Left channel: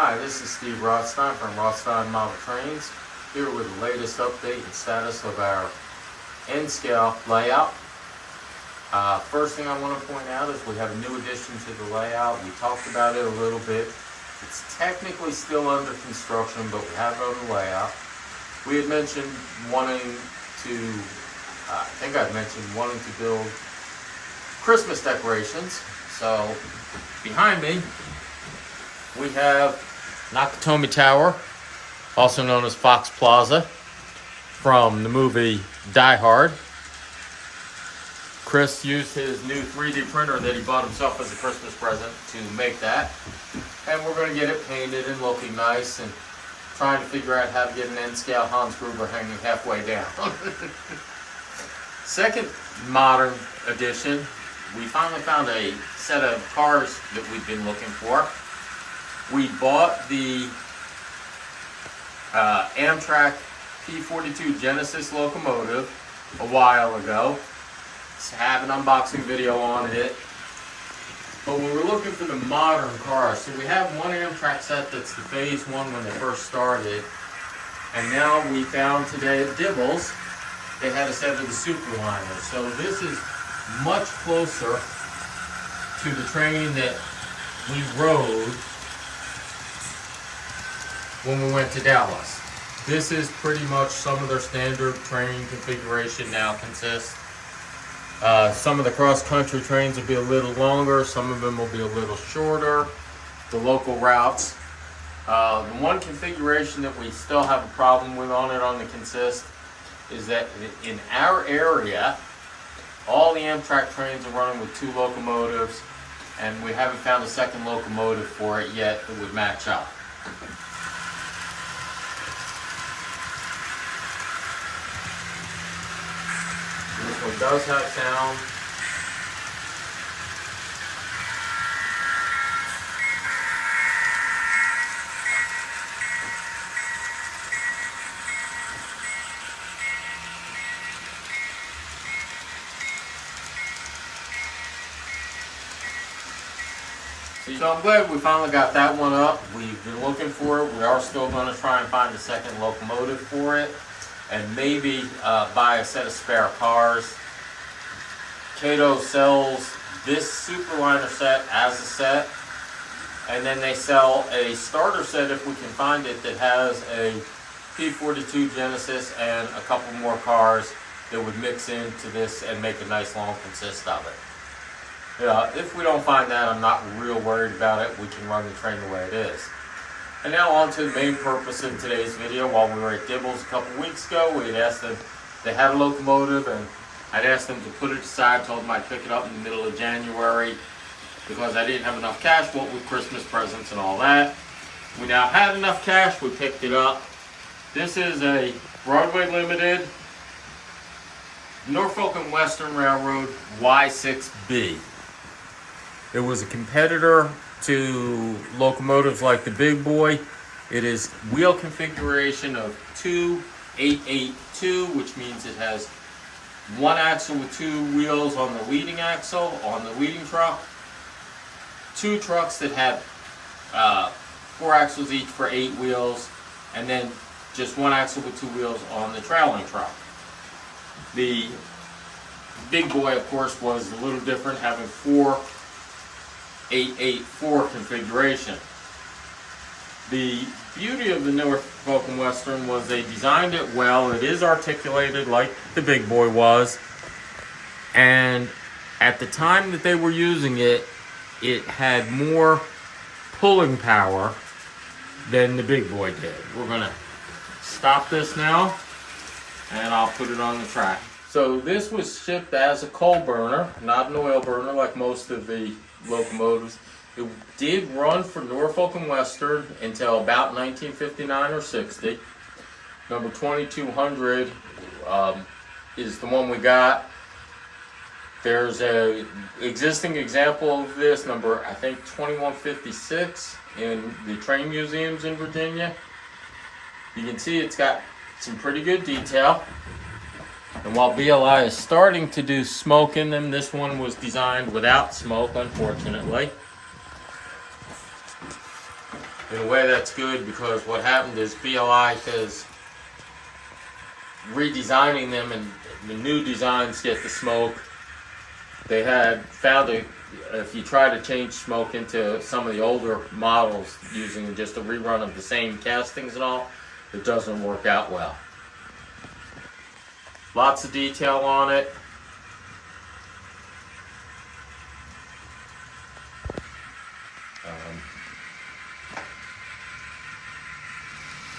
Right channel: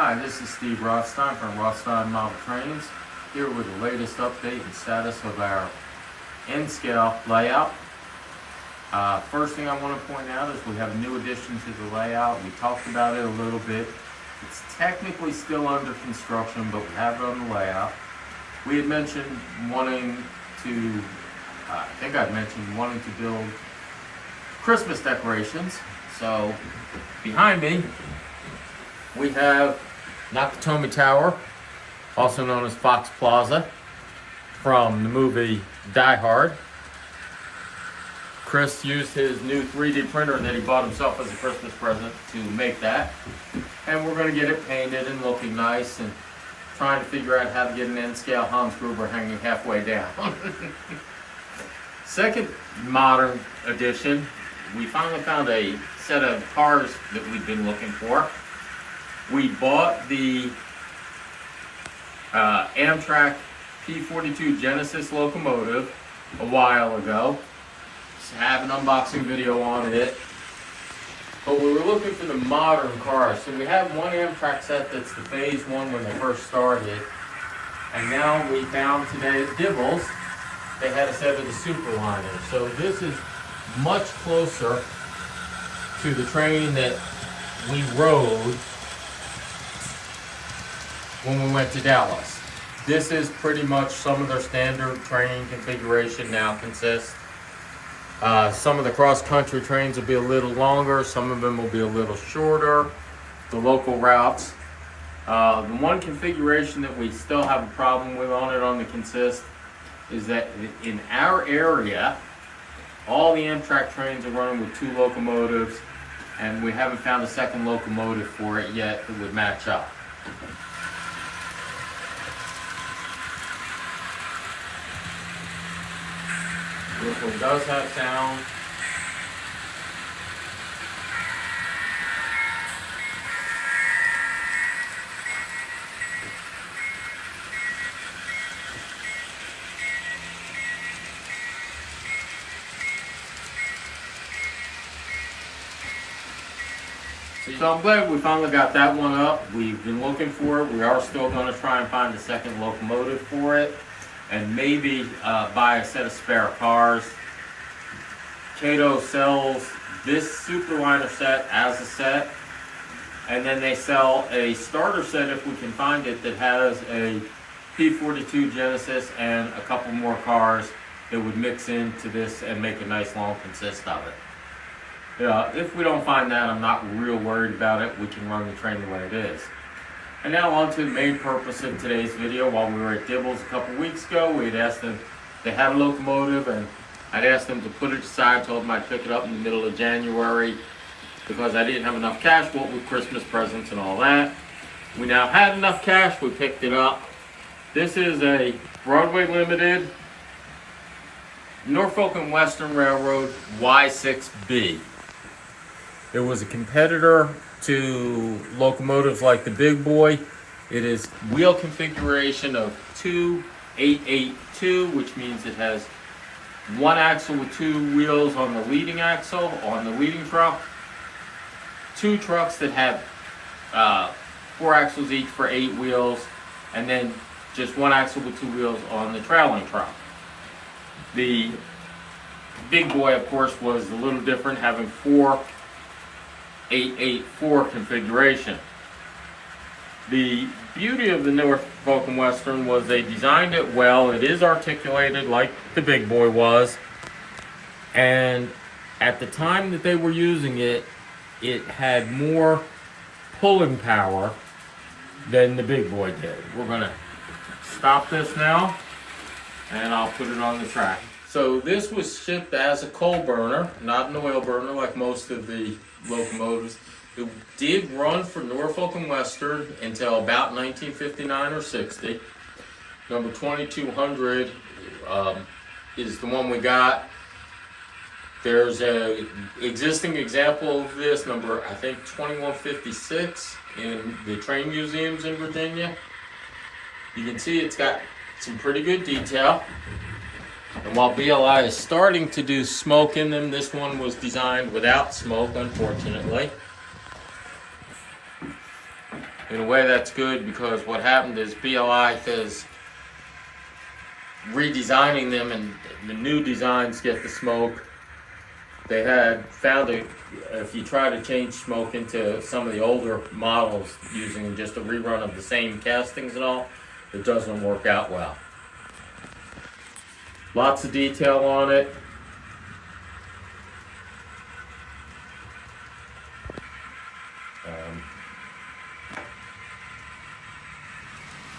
Hi, this is Steve Rothstein from Rothstein Model Trains, here with the latest update and status of our N-scale layout. First thing I want to point out is we have a new addition to the layout. We talked about it a little bit. It's technically still under construction, but we have it on the layout. We had mentioned wanting to, wanting to build Christmas decorations. So behind me, we have Nakatomi Tower, also known as Fox Plaza, from the movie Die Hard. Chris used his new 3D printer that he bought himself as a Christmas present to make that. And we're going to get it painted and looking nice, and trying to figure out how to get an N-scale Hans Gruber hanging halfway down. Second modern addition, we finally found a set of cars that we've been looking for. We bought the Amtrak P42 Genesis locomotive a while ago. Just have an unboxing video on it. But we were looking for the modern cars. So we have one Amtrak set that's the phase one when they first started. And now we found today at Dibble's, they had a set of the Superliner. So this is much closer to the train that we rode when we went to Dallas. This is pretty much some of their standard train configuration now consists. Some of the cross-country trains will be a little longer, some of them will be a little shorter, the local routes. The one configuration that we still have a problem with on the consist is that in our area, all the Amtrak trains are running with 2 locomotives, and we haven't found a second locomotive for it yet that would match up. This one does have sound. So I'm glad we finally got that one up. We've been looking for it. We are still going to try and find a second locomotive for it, and maybe buy a set of spare cars. Kato sells this Superliner set as a set, and then they sell a starter set if we can find it that has a P42 Genesis and a couple more cars that would mix into this and make a nice long consist of it. If we don't find that, I'm not real worried about it. We can run the train the way it is. And now on to the main purpose of today's video. While we were at Dibble's a couple weeks ago, we had asked them, they had a locomotive, and I'd asked them to put it aside, told them I'd pick it up in the middle of January because I didn't have enough cash, what with Christmas presents and all that. We now had enough cash, we picked it up. This is a Broadway Limited Norfolk and Western Railroad Y6b. It was a competitor to locomotives like the Big Boy. It is wheel configuration of 2882, which means it has one axle with 2 wheels on the leading axle, on the leading truck. 2 trucks that have 4 axles each for 8 wheels, and then just 1 axle with 2 wheels on the trailing truck. The Big Boy, of course, was a little different, having 4 884 configuration. The beauty of the Norfolk and Western was they designed it well. It is articulated like the Big Boy was, and at the time that they were using it, it had more pulling power than the Big Boy did. We're gonna stop this now, and I'll put it on the track. So this was shipped as a coal burner, not an oil burner like most of the locomotives. It did run for Norfolk and Western until about 1959 or 60. Number 2200 is the one we got. There's a existing example of this, number I think 2156, in the train museums in Virginia. You can see it's got some pretty good detail. And while BLI is starting to do smoke in them, this one was designed without smoke, unfortunately. In a way, that's good because what happened is BLI is redesigning them, and the new designs get the smoke. They had found it, if you try to change smoke into some of the older models using just a rerun of the same castings and all, it doesn't work out well. Lots of detail on it.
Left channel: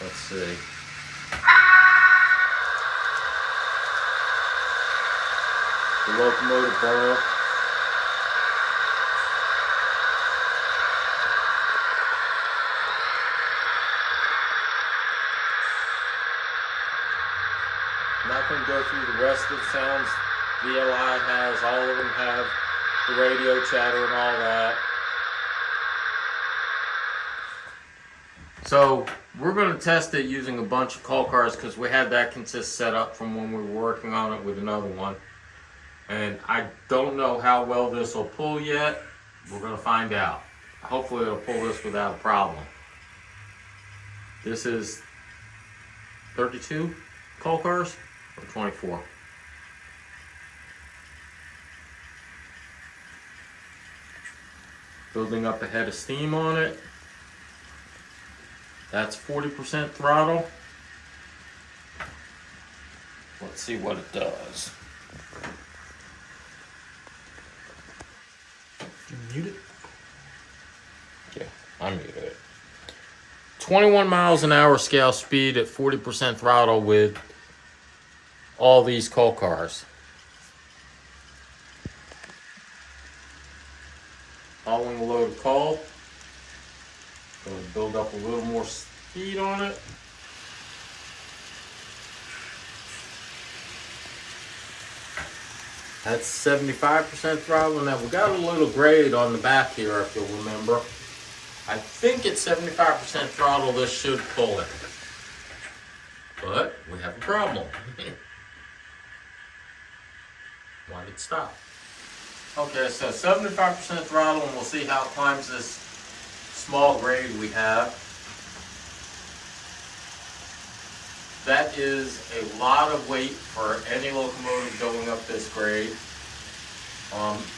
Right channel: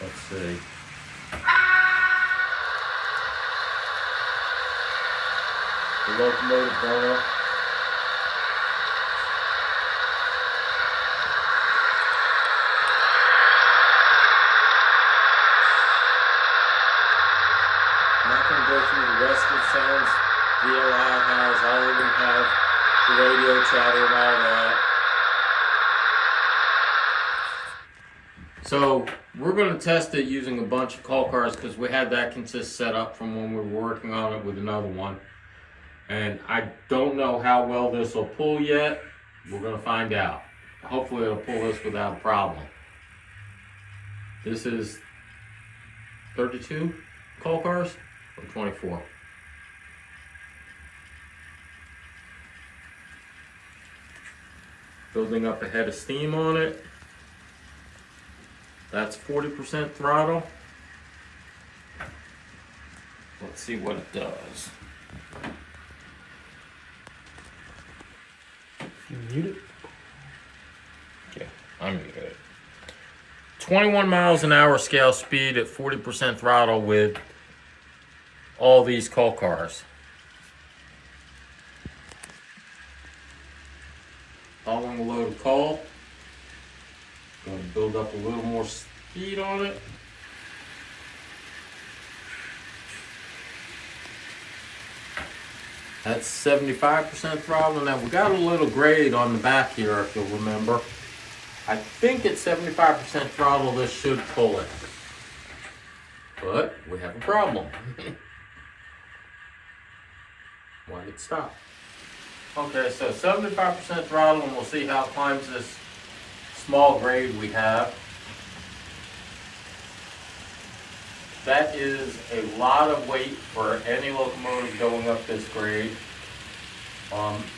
Let's see. The locomotive burner. I'm not going to go through the rest of the sounds VLI has. All of them have the radio chatter and all that. So we're going to test it using a bunch of call cars because we had that consist set up from when we were working on it with another one. And I don't know how well this will pull yet. We're going to find out. Hopefully it'll pull this without a problem. This is 32 call cars or 24. Building up a head of steam on it. That's 40% throttle. Let's see what it does. You mute it? Yeah, I muted it. 21 miles an hour scale speed at 40% throttle with all these call cars. Following a load of coal. Going to build up a little more speed on it. That's 75% throttle. Now we got a little grade on the back here, if you'll remember. I think at 75% throttle this should pull it. But we have a problem. Why did it stop? Okay, so 75% throttle, and we'll see how it climbs this small grade we have. That is a lot of weight for any locomotive going up this grade.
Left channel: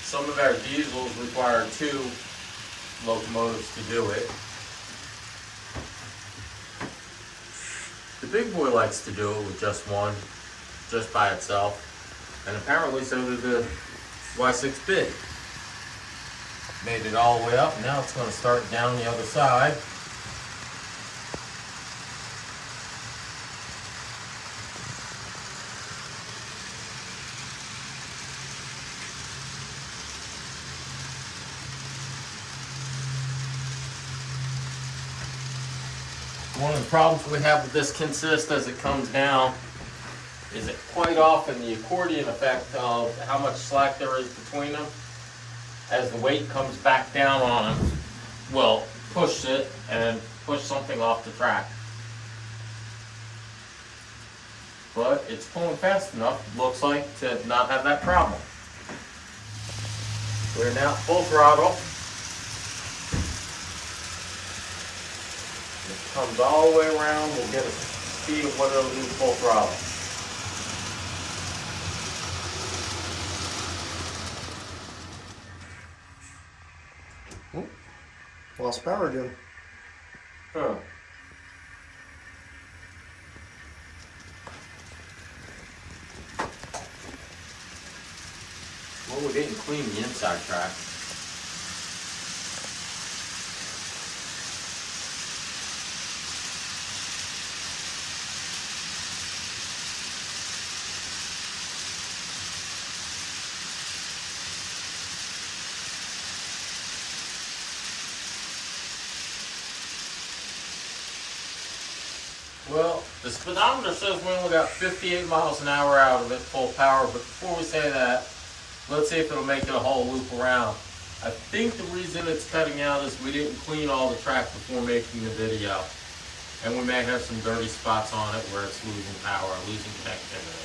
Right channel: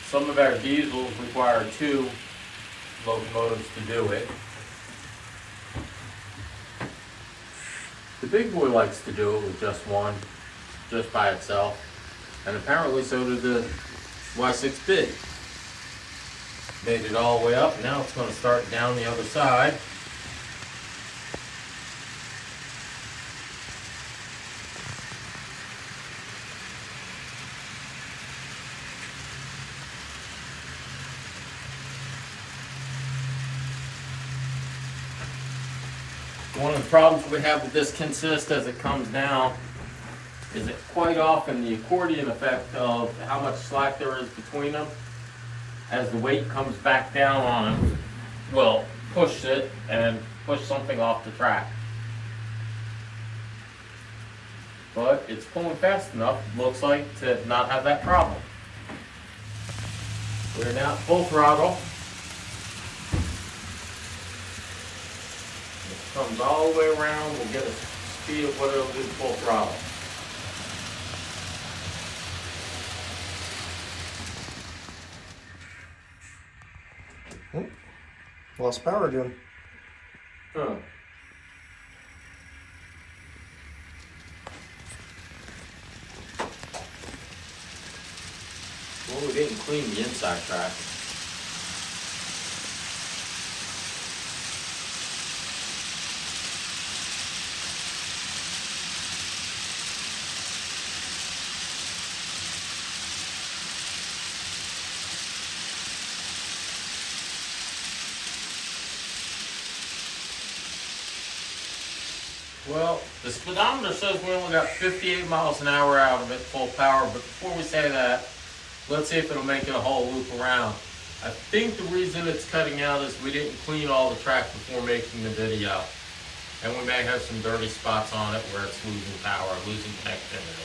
Some of our diesels require 2 locomotives to do it. The big boy likes to do it with just one, just by itself. And apparently so did the Y6b. Made it all the way up. Now it's going to start down the other side. One of the problems we have with this consist as it comes down is that quite often the accordion effect of how much slack there is between them, as the weight comes back down on it, will push it and push something off the track. But it's pulling fast enough, looks like, to not have that problem. We're now at full throttle. It comes all the way around, we'll get a speed of what it'll do full throttle. Lost power again. Huh. Well, we didn't clean the inside track. Well, the speedometer says we only got 58 miles an hour out of it, full power, but before we say that, let's see if it'll make it a whole loop around. I think the reason it's cutting out is we didn't clean all the track before making the video. And we may have some dirty spots on it where it's losing power, losing connectivity.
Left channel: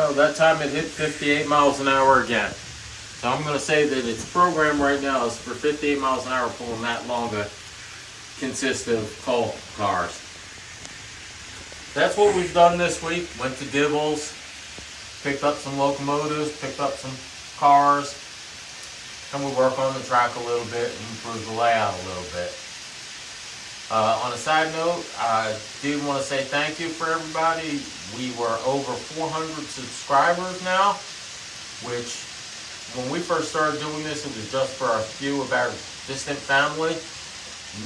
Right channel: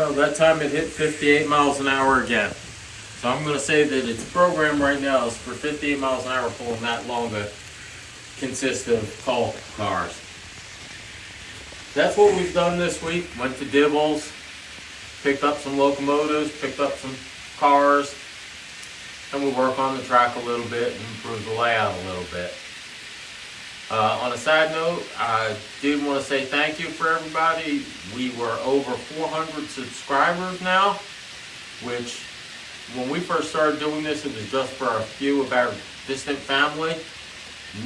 Well, that time it hit 58 miles an hour again. So I'm going to say that its program right now is for 58 miles an hour pulling that long to consist of coal cars. That's what we've done this week. Went to Dibble's, picked up some locomotives, picked up some cars, and we work on the track a little bit and improve the layout a little bit. On a side note, I did want to say thank you for everybody. We were over 400 subscribers now, which when we first started doing this, it was just for a few of our distant family.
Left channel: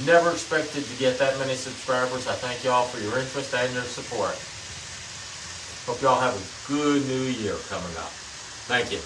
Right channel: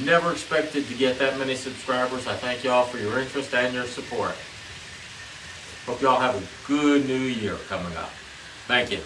Never expected to get that many subscribers. I thank y'all for your interest and your support. Hope y'all have a good new year coming up. Thank you.